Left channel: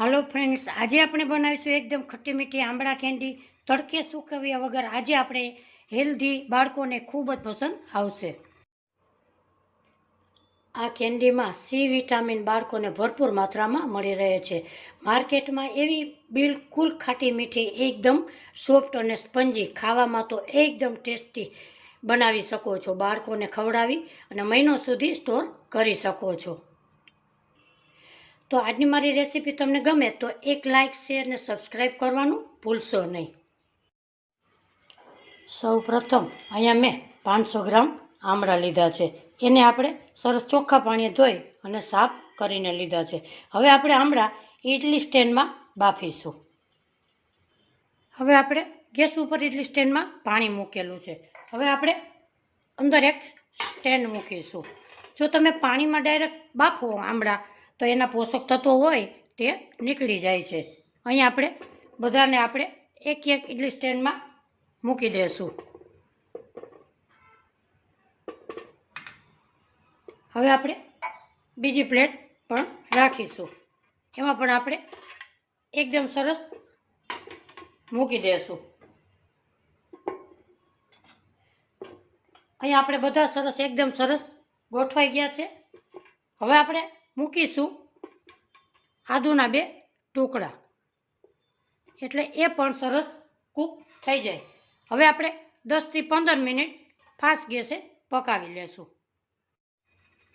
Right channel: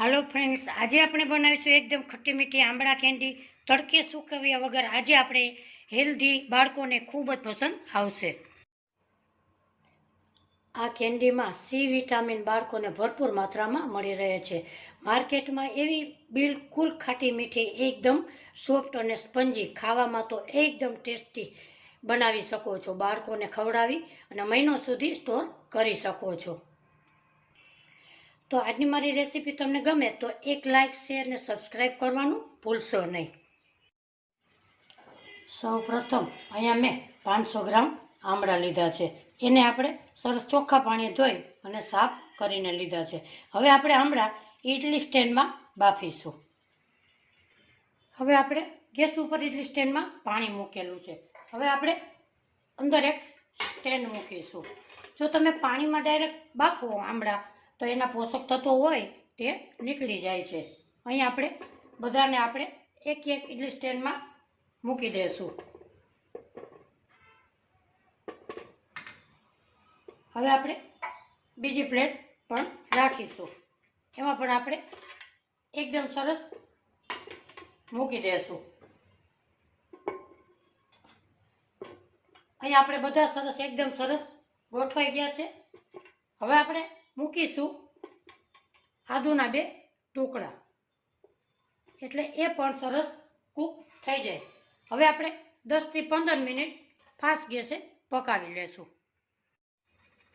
હાલો friends આજે આપણે બનાવીશું એકદમ ખટ્ટી મીઠી આંબળા કેન્ડી તડકે સૂકવ્યા વગર આજે આપણે હેલ્ધી બાળકોને ખૂબ જ પસંદ આવશે. આ કેન્ડીમાં સી વિટામિન બાળકોને ભરપૂર માત્રામાં મળી રહે છે. માર્કેટમાં એવી બિલકુલ ખાટી મીઠી, એકદમ સોફ્ટ અને સ્પંજી ખાવામાં તો એકદમ ટેસ્ટી બનાવી શકો છો. બાળકોને ખવડાવી અને મહિનો સુધી સ્ટોર કરી શકો છો. તો આજની મારી રેસીપી તમને ગમે તો એક લાઇક શેર અને સબસ્ક્રાઈબ કરવાનું ભૂલશો નહીં. સૌ પ્રથમ અહીંયા મેં પાંચસો ગ્રામ આમળા લીધા છે. એને આપણે સરસ ચોખ્ખા પાણીએ ધોઈ અને સાફ કરીને લીધા છે. હવે આપણે આમળા ઇડલી સ્ટેન્ડમાં બાફીશું. હવે આપણે ગેસ ઉપર ઇડલી સ્ટેન્ડમાં પાણી મૂકેલું છે. હવે આપણે અંદર એક સ્ટેન્ડ મૂકીશું. જો તમે પાણીમાં ડાયરેક્ટ બાફો આમળા તો એના પોષક તત્વો હોય તે નીકળી જાય છે. અહીં આપણે બધાને આપણે એક એક ઇડલી સ્ટેન્ડમાં મૂકી દઈશું હવે આપણે બીજી પ્લેટ પણ રાખીશું. એમાં પણ આપણે એકદમ સરસ મૂકી દઈશું અહીંયા આપણે બધા સરસ, એકદમ સરસ ગોઠવાઈ ગયા છે. હવે આપણે મૂકીશું આદુના બે ટુકડા. એટલે એ પણ સરસ કૂક થઈ જાય. હવે આપણે દસથી પંદર મિનિટ ફાસ્ટ ગેસે પકાવી લેશું.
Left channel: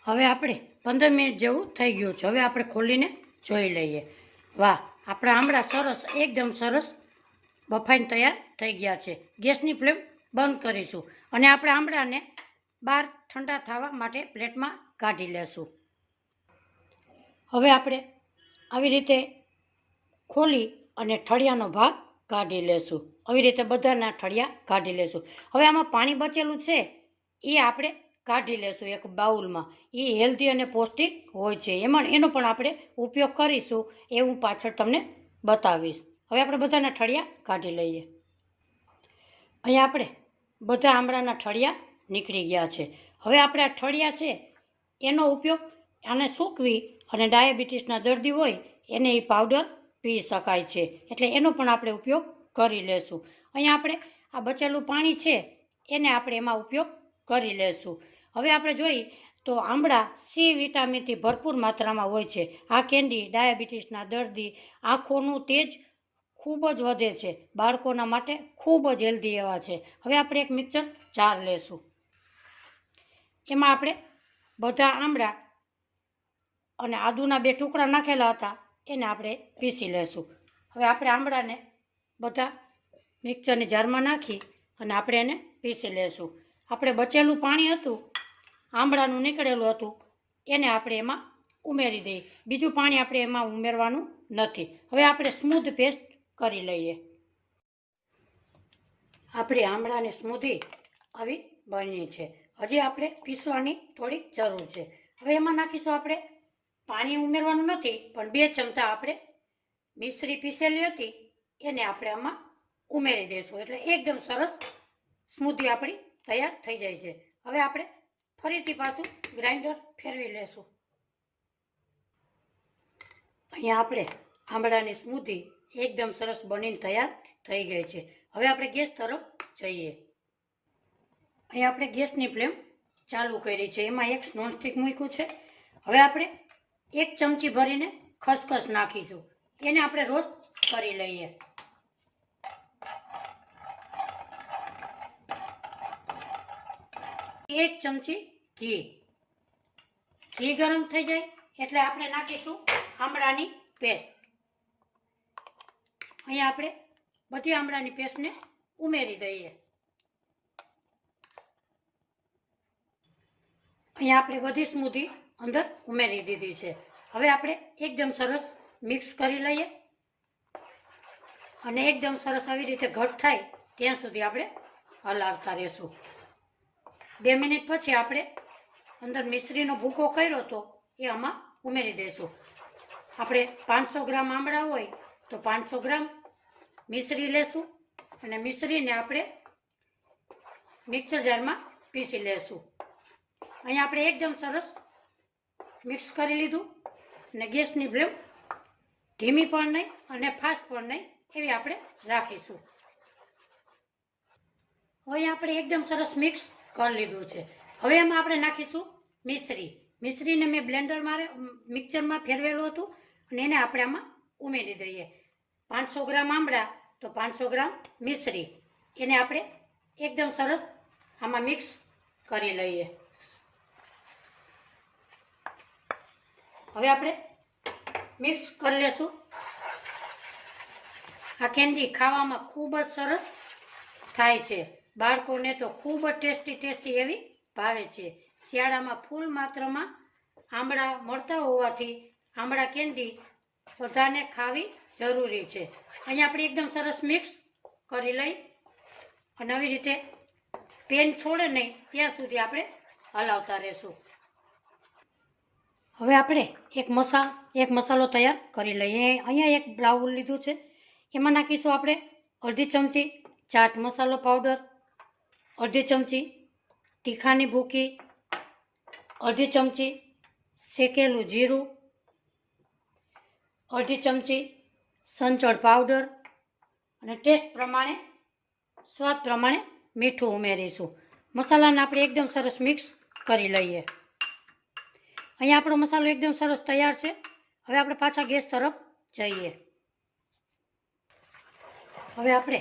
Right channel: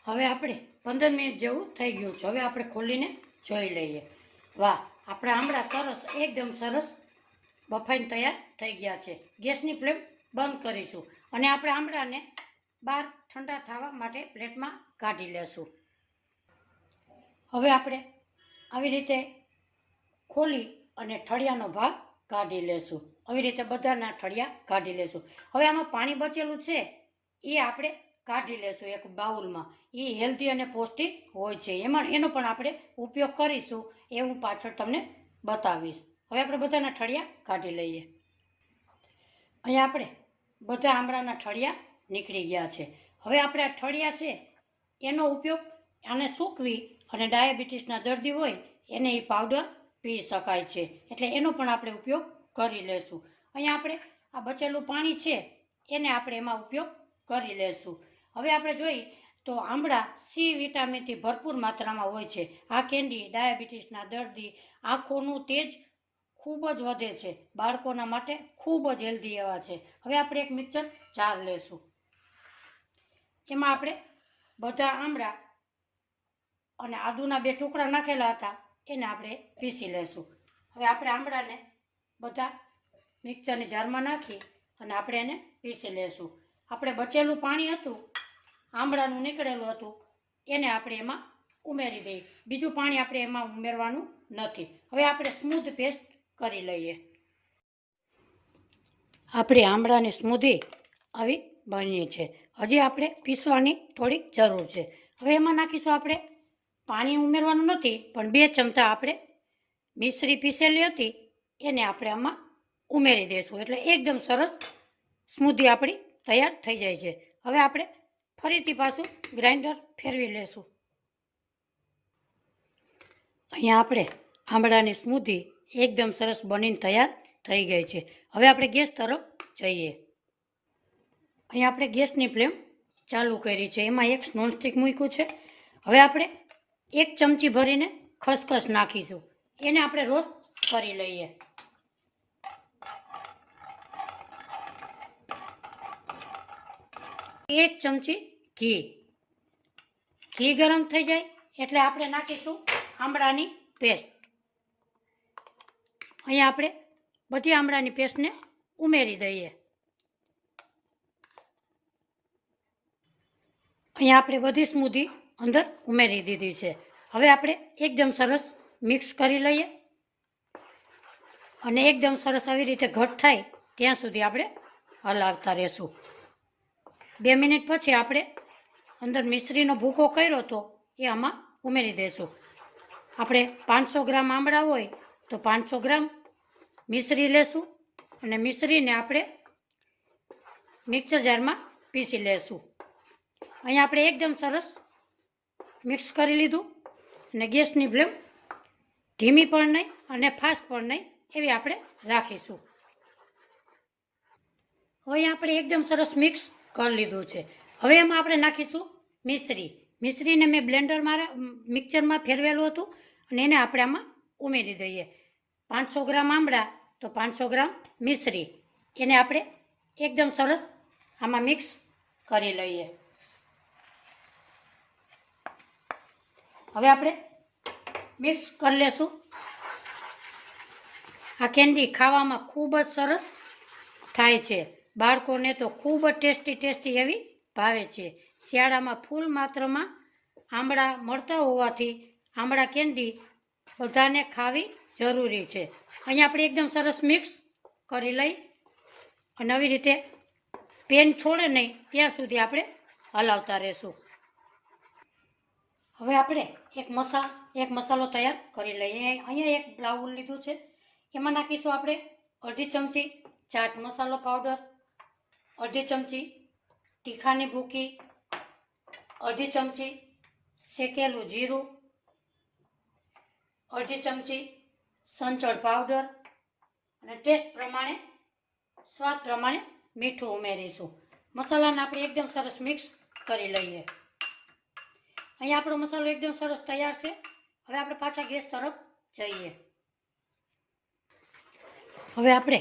હવે આપણે પંદર મિનિટ જેવું થઈ ગયું છે. હવે આપણે ખોલીને જોઈ લઈએ. વાહ, આપણા આમળા સરસ, એકદમ સરસ બફાઈને તૈયાર થઈ ગયા છે. ગેસની ફ્લેમ બંધ કરીશું અને આપણે આમળાને બહાર ઠંડા થવા માટે પ્લેટમાં કાઢી લેશું. હવે આપણે આવી રીતે ખોલી અને ઠળિયાનો ભાગ કાઢી લેશું. આવી રીતે બધાના ઠળિયા કાઢી લેશું. હવે આમાં પાણી બચેલું છે, એ આપણે કાઢી લેશું એક બાઉલમાં. એ હેલ્ધી અને પૌષ્ટિક હોય છે. એમાં એનો પણ આપણે ઉપયોગ કરીશું એ હું પાછળ તમને બતાવીશ. હવે આપણે બધાના ઠળિયા કાઢી લઈએ. અહીંયા આપણે બધા આમળાના ઠળિયા નીકળી ગયા છે. હવે આપણે આ ઠળિયા છે, એનો ઉપયોગ આને સૂકવી અને ડાયાબિટીસના દર્દી હોય, એને એ પાવડર પી શકાય છે. એટલે એનો પણ આપણે ઉપયોગ કરી લેશું. અહીંયા આપણે આ બચેલું પાણી છે, એને આપણે એમાં ઉપયોગ કરી લેશું. હવે આપણે જોઈએ તો આંબળા સી વિટામિનથી ભરપૂર માત્રામાં હોય છે. આ કેન્ડી ડાયાબિટીસના દર્દી આંખોનું તેજ ખૂબ જ વધે છે. બાળકોના માટે ખૂબ જ હેલ્ધી એવા છે. હવે આપણે એક મિક્સર જાર લેશું. એમાં આપણે બધા આંબળા અને આદુના બે ટુકડા નાખેલા હતા, એને આપણે પીસી લેશું. હવે આપણે આંબળાને બધા મિક્સરની જારમાં નાખી અને આપણે એને પીસી લેશું. આપણે બચેલું પાણી હતું આંબળાનું નીકળેલું હતું, એને આપણે એમાં ઉમેરી દઈએ. બીજું પાણી આપણે એમાં ઉમેરવાનું નથી. હવે આપણે સ્મૂધ પેસ્ટ કરી લઈએ. આપણે આંબળાની સ્મૂધી આવી બની છે. હજી આપણે પીસવાની થોડીક જરૂર છે. હવે એમાં નાખીશું આપણે પાણી ઉમેરવાનું નથી, પણ બે ચમચા આપણે મિશ્રી પીસેલી હતી, એને આપણે આમાં ઉમેરી દઈશું એટલે એકદમ સરસ સ્મૂધી આપણી તૈયાર થઈ જાય છે. હવે આપણે ફરીથી પાછું ગ્રાઇન્ડર ફેરવી લેશું. અહીંયા આપણે આંબળાની સ્મૂધી એકદમ સરસ બનીને તૈયાર થઈ ગઈ છે. હવે આપણે ગેસ તરફ જઈએ. અહીંયા આપણે ગેસની ફ્લેમ ચાલુ કરી છે. એમાં એક નોનસ્ટિક મૂક્યું છે. હવે આપણે એક ચમચી ભરીને ખસખસ નાખીશું. એને આપણે રોસ્ટ કરી લઈએ. એક ચમચી ઘી. ઘી ગરમ થઈ જાય એટલે આપણે નાખીશું આંબળાની પેસ્ટ. અહીંયા આપણે બધી આંબળાની પેસ્ટને ઉમેરી દઈએ. અહીંયા આપણે બધી સ્મૂધી અંદર ઉમેરી દીધી છે. હવે આપણે એકદમ સરસ મિક્સ કરી લઈએ. અને એકદમ સરસ આવી રીતે ઘટ થાય ત્યાં સુધી આપણે હલાવતા રહેશું. બે મિનિટ પછી આપણે અંદર મિશ્રીનો ભૂકો કર્યો હતો એ આમાં ઉમેરી દઈશું આપણે પાંચસો ગ્રામ આંબળા હોય તો પાંચસો ગ્રામ મિશ્રી લેશું અને મિશ્રીને આપણે મિક્સર જારમાં પીસી લેશું. અહીંયા આપણે એકદમ સરસ મિક્સ કરી લીધું અને ગેસની ફ્લેમ ધીમી પણ નહીં અને ફાસ્ટ પણ નહીં એવી આપણે રાખીશું. હવે આપણે એકદમ સરસ મિક્સ કરી લીધું છે. હવે એમાં આપણે નાખીશું મિશ્રી. મિશ્રીને મેં બ્લેન્ડરમાં મિક્સરમાં ફેરવેલું હતું અને એને આપણે આમાં ઉમેરી દઈએ. પાંચસો ગ્રામ આમળા તો પાંચસો ગ્રામ મિશ્રી. એને આપણે એકદમ સરસ આમાં મિક્સ કરી લઈએ. હવે આપણે મિક્સ કરી લેશું. આ કેન્ડી ખાવામાં ખૂબ જ સરસ થાય છે. બાળકોને તો ખૂબ જ ટેસ્ટી ટેસ્ટી એવી ભાવે છે. શિયાળામાં ફૂલ માત્રામાં આંબળા મળતા હોવાથી આંબળા કેન્ડી બધાને ખાવી જરૂરી છે. અહીંયા આપણે એકદમ સરસ મિક્સ કરી લઈ અને આવી રીતે પેન છોડે નહીં, ત્યાં સુધી આપણે હલાવતા રહેશું. હવે આપણે એક મસા, એક મસાલો તૈયાર કરી લઈએ. અહીંયા એક બ્લાઉલ લીધું છે. એમાં નાખીશું આપણે અડધી ચમચી ચાટ મસાલો પાવડર, અડધી ચમચી તીખાની ભૂકી, અડધી ચમચી શેકેલું જીરું, અડધી ચમચી સંચળ પાવડર અને ટેસ્ટ પ્રમાણે, સ્વાદ પ્રમાણે મીઠું ઉમેરીશું. મસાલાને આપણે એકદમ સરસ મિક્સ કરી લઈએ. અહીંયા આપણો મસાલો એકદમ સરસ તૈયાર છે. હવે આપણે પાછા ગેસ તરફ જઈએ. હવે આપણે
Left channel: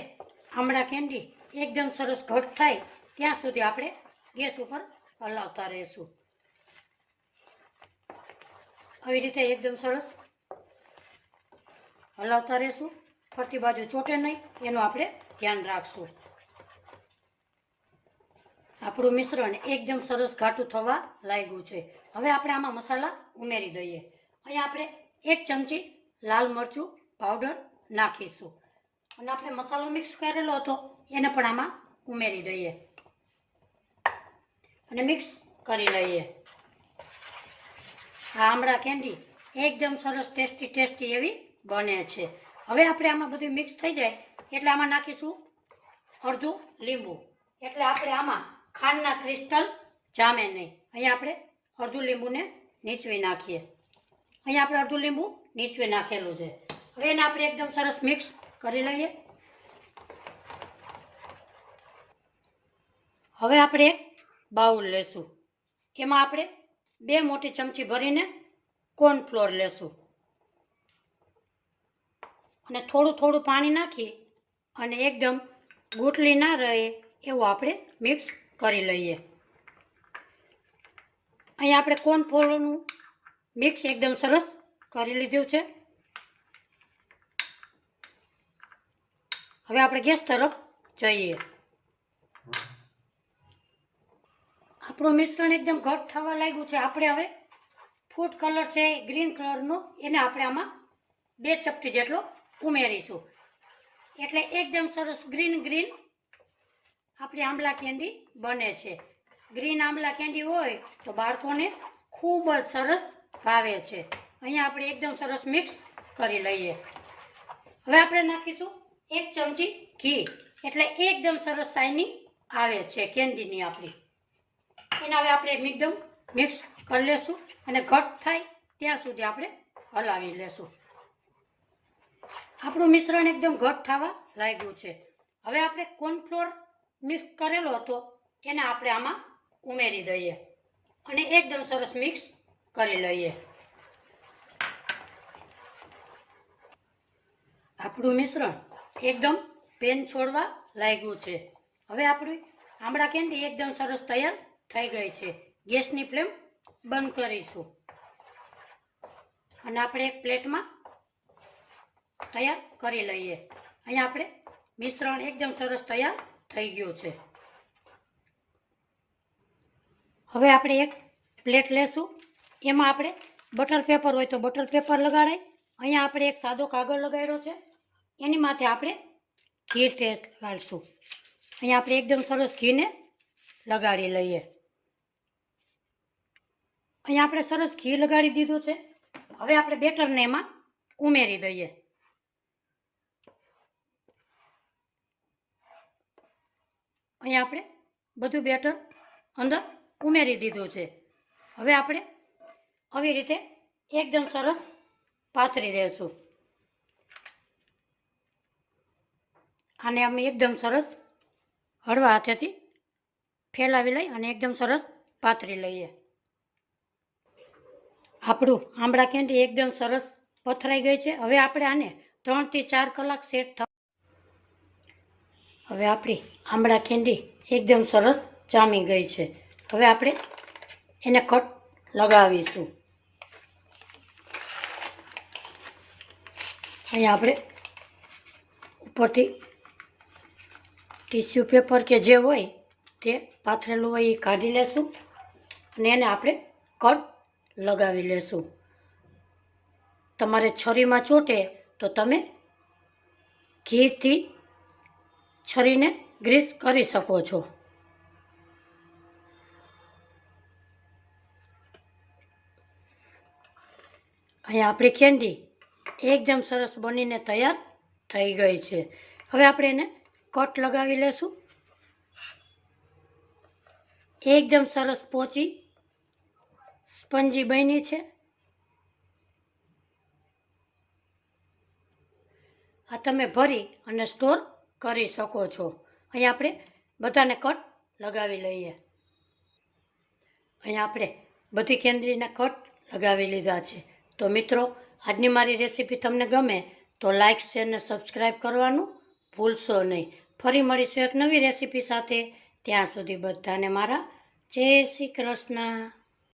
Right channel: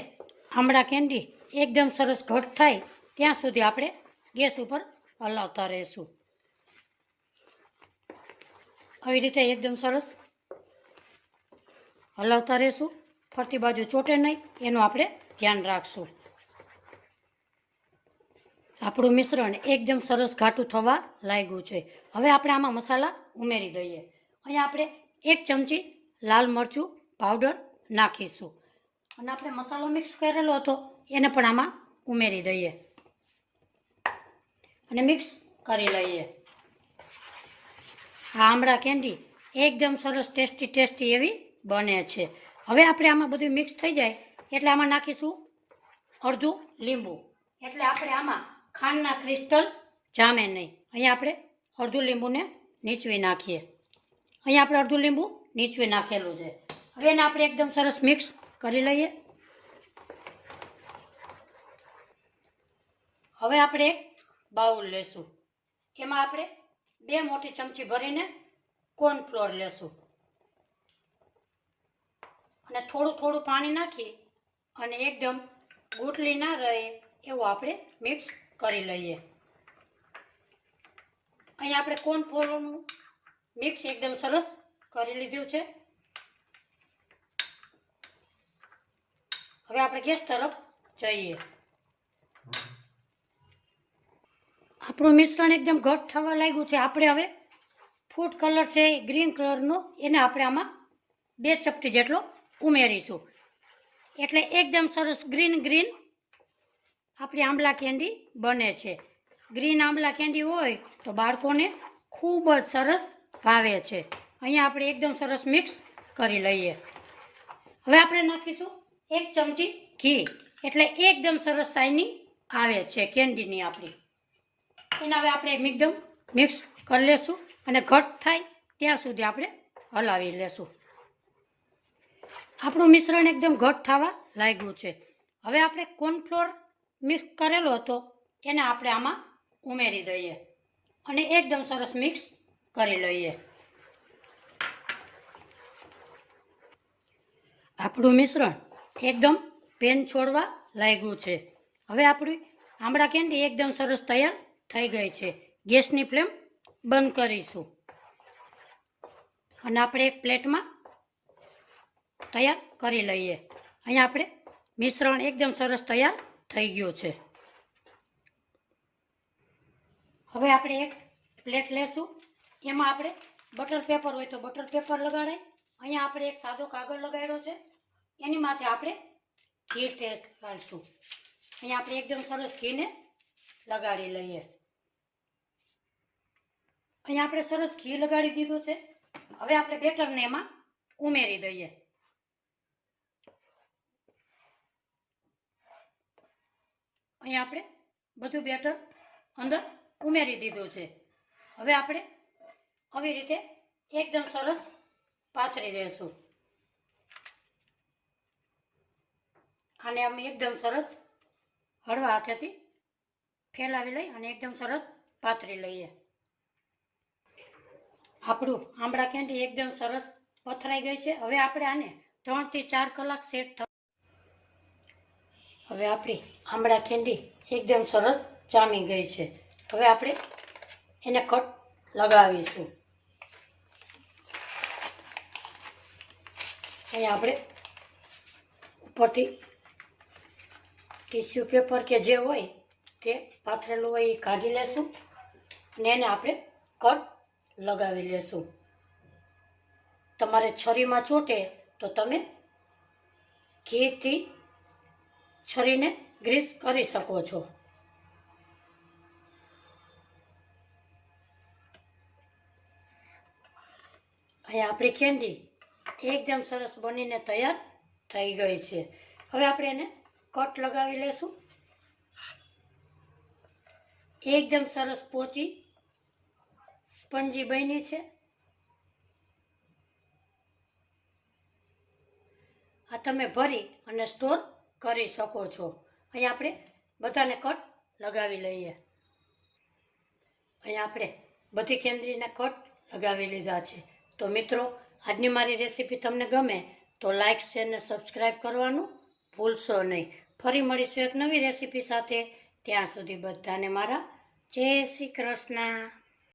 આમળા કેન્ડી એકદમ સરસ ઘટ થાય ત્યાં સુધી આપણે ગેસ ઉપર હલાવતા રહીશું. આવી રીતે એકદમ સરસ હલાવતા રહીશું. ફરતી બાજુ ચોટે નહીં, એનું આપણે ધ્યાન રાખશું. આપણું મિશ્રણ એકદમ સરસ ઘાટું થવા લાગ્યું છે. હવે આપણે આમાં મસાલા ઉમેરી દઈએ. અહીંયા આપણે એક ચમચી લાલ મરચું પાવડર નાખીશું. અને આપણે મસાલો મિક્સ કરેલો હતો, એને પણ આમાં ઉમેરી દઈએ. અને મિક્સ કરી લઈએ. આ આમળા કેન્ડી એકદમ સરસ ટેસ્ટી ટેસ્ટી એવી બને છે. હવે આપણે આમાં બધું મિક્સ થઈ જાય એટલે આમાં નાખીશું અડધું લીંબુ. એટલે આપણે આમાં ખાંડના ક્રિસ્ટલ જામે નહીં. અહીંયા આપણે અડધું લીંબુને નીચવી નાખીએ. અહીંયા આપણે અડધું લીંબુ નીચવી નાખેલું છે. હવે એને આપણે એકદમ સરસ મિક્સ કરી લઈએ. હવે આપણે બાઉલ લેશું. એમાં આપણે બે મોટી ચમચી ભરીને કોર્નફ્લોર લેશું. અને થોડું થોડું પાણી નાખી અને એકદમ ગોટલી ના રહે એવું આપણે મિક્સ કરી લઈએ. અહીંયા આપણે કોર્નફ્લોરનું મિક્સ એકદમ સરસ કરી લીધું છે. હવે આપણે ગેસ તરફ જઈએ. આપણું મિશ્રણ એકદમ ઘટ થવા લાગ્યું છે. આપણે હવે ફૂડ કલર છે, ગ્રીન કલરનો, એને આપણે આમાં બે ચપટી જેટલો ઉમેરીશું. એટલે એકદમ સરસ ગ્રીન ગ્રીન આપણી આંબલા કેન્ડી બને છે. ગ્રીન આંબલા કેન્ડી હોય તો બાળકોને ખૂબ જ સરસ ભાવે છે. અહીંયા આપણે એકદમ સરસ મિક્સ કરી લઈએ. હવે આપણે નાખીશું એક ચમચી ઘી. એટલે એકદમ સરસ શાઇનિંગ આવે છે કેન્ડીની આપણી. એને હવે આપણે એકદમ મિક્સ કરી લેશું અને ઘટ થાય ત્યાં સુધી આપણે હલાવી લેશું. આપણું મિશ્રણ એકદમ ઘટ થવા લાગ્યું છે. હવે આપણે કોર્નફ્લોર મિક્સ કરેલો હતો, એને આપણે આમાં ઉમેરી દઈએ અને એકદમ સરસ મિક્સ કરી લઈએ. આપણું મિશ્રણ એકદમ પેન છોડવા લાગ્યું છે. હવે આપણી આમળા કેન્ડી એકદમ સરસ તૈયાર થઈ ગઈ છે. ગેસની ફ્લેમ બંધ કરીશું. અને આપણે એક પ્લેટમાં તૈયાર કરી લઈએ. અહીંયા આપણે મિશ્રણ એકદમ સરસ તૈયાર થઈ ગયો છે. હવે આપણે એક પ્લેટ લેશું. એમાં આપણે બટર પેપર હોય તો બટર પેપર લગાડાય અહીંયા આપણે એક સાદો કાગળ લગાડ્યો છે. એની માથે આપણે ઘી ટેસ્ટ લગાડશું અહીંયા આપણે એકદમ સરસ ઘીને લગાડી લઈએ. અહીંયા આપણે સરસ ઘી લગાડી દીધું છે. હવે આપણે બેટરને એમાં ઉમેરી દઈએ. અહીંયા આપણે બધું બેટર અંદર ઉમેરી દીધું છે. હવે આપણે આવી રીતે એકદમ સરસ પાથરી દઈશું. આને અમે એકદમ સરસ હળવા હાથેથી ફેલાવી લઈ અને એકદમ સરસ પાથરી લઈએ. આપણું આંબળા કેન્ડી એકદમ સરસ પથરાઈ ગઈ છે. હવે આપણે આને ત્રણથી ચાર કલાક સેટ હવે આપણી આંબળા કેન્ડી એકદમ સરસ જામી ગઈ છે. હવે આપણે એને કટ લગાવીશું. અહીંયા આપણે ઉપરથી ટીસ્યુ પેપર કે જે હોય તે પાથરેલું હોય એ કાઢી લેશું અને એને આપણે કટ લગાવી લેશું. તમારે છરીમાં ચોટે તો તમે ઘીથી છરીને ગ્રીસ કરી શકો છો. અહીંયા આપણી કેન્ડી એકદમ સરસ બનીને તૈયાર થઈ ગઈ છે. હવે આપણે એને કટ લગાવી લેશું. એકદમ સરસ પોચી સ્પંજી બની છે. આ તમે ભરી અને સ્ટોર કરી શકો છો. અહીં આપણે બધાને કટ લગાવી લઈએ. અહીંયા આપણે બધી કેન્દ્રીના કટ લગાવી લીધા છે. તો મિત્રો, આજની મારી રેસીપી તમને ગમે તો લાઇક શેર ને સબસ્ક્રાઈબ કરવાનું ભૂલશો નહીં. ફરી મળીશું એક નવી રેસીપી સાથે. ત્યાં સુધી બધાને મારા જય શ્રી કૃષ્ણ.